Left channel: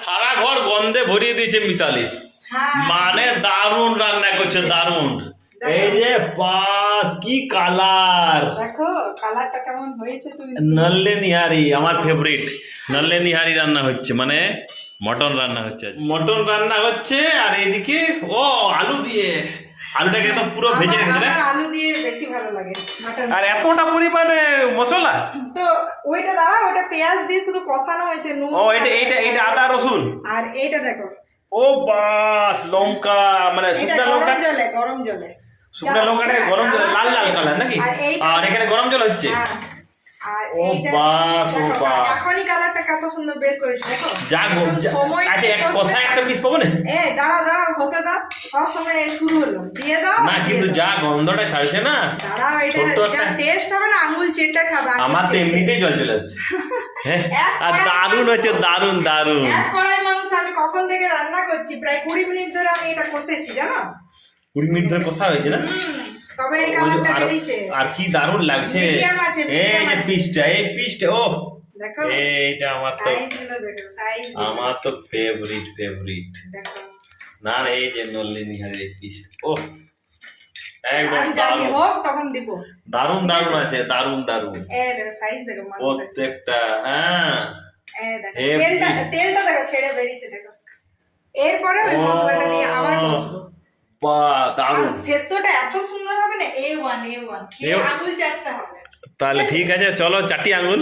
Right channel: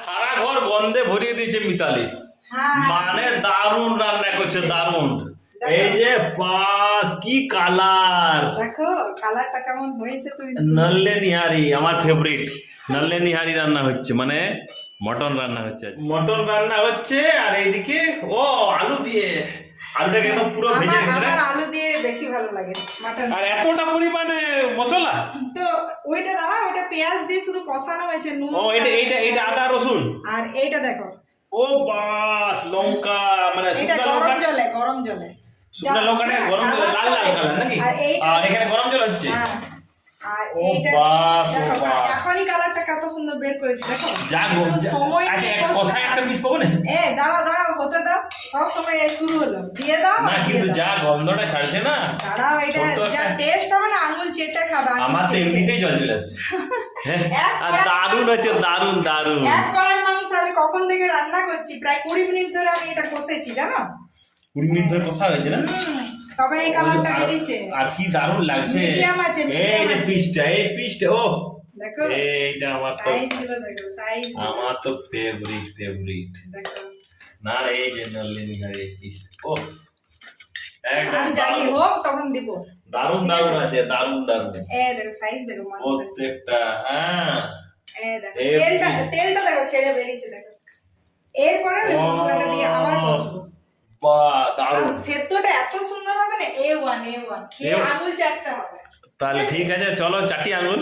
সারা ঘর গন্ধে ভরিয়ে দিয়েছে মিতালি। হ্যাঁ। মানে দারুণ রান্না করছে দারুণ এই যে পাস কি কালার। দেখো কালারটা কেমন হয়েছে তুমি নল্লে নিহারি আমার ফেভারিট নললে নিহারি রান্না হচ্ছে মানে মটন রান্না হচ্ছে মটন রান্না হচ্ছে আর এইদিকে ও আলু দিয়ে। আলুটাকে একদম পুরো ভেজে আমার রেখেছে আলু দিয়ে বেশি ভালো লাগে আর এতটা পরিমাণে মশলা? তো ওইটা দাঁড়া ওটা পেঁয়াজ দিয়ে শুধু কষানো হয়েছে নুন ও এটা এইটা এইটা আদা রসুন? আর এইটা দেখো। ও বাস লঙ্কা মানে এটা শুকনা লঙ্কা গরম জলে গরম জলে। শুকনা লঙ্কাটাকে গরম জলে লাল লাল কালার নাকি? আর এখানে গরম জল হচ্ছে? হ্যাঁ। আর ও বাস, ও বাস। সুন্দর বের করেছে দেখো। যা গো সময় আচ্ছা একটা কষা একটা পিস পাবো না? এ দাঁড়াও দাঁড়াও হতে দাও। সব সময় শুরু হলো। দিয়ে দাও না কিন্তু যা গন্ধটা ছাড়ছে না দাঁড়াও এটা যা টেস্ট হবে না আঙ্গুল চেটে খাবে আমার তো এমনিতেই জল চলে আসছে। হ্যাঁ, আর দারুণ হচ্ছে দারুণ দারুণ। এক কড়াই মাংস আমি কখন থেকে রান্না করছি? প্রায় কুড়ি মিনিট ধরে আমি এটা কষেছি জানো? কুড়ি মিনিট ধরে কষা হয়েছে না? তবে এই কালারটা আর- বেরিয়েছে। আর কি দারুণ লাগছে। এই। পিসটা এই পিসটা ও দেখো এইটা আমার তো আমার তো ফেভারিট ফেভারিট দেখো। না না, এই যে নল্লি নিহারি পিস ও। আমি জানি। হোক তখন দিব। আছে। এ দেখো সাইজ দেখো প্রত্যেকটা হ্যাঁ। এ দেখো তেলটা তেলটা দেখো ছেড়ে বেরিয়েছে দেখো। এরপরে ওই মশলাটা দিয়ে আবার কষবো। বা আর সেদ্ধটা এত সুন্দর হবে না এ ওয়ান এ ওয়ান A1 আঙুল চাটতে হবে। তাহলে ঠিক আছে চলো চাটি আঙুল।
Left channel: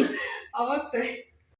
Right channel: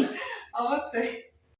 啊，塞。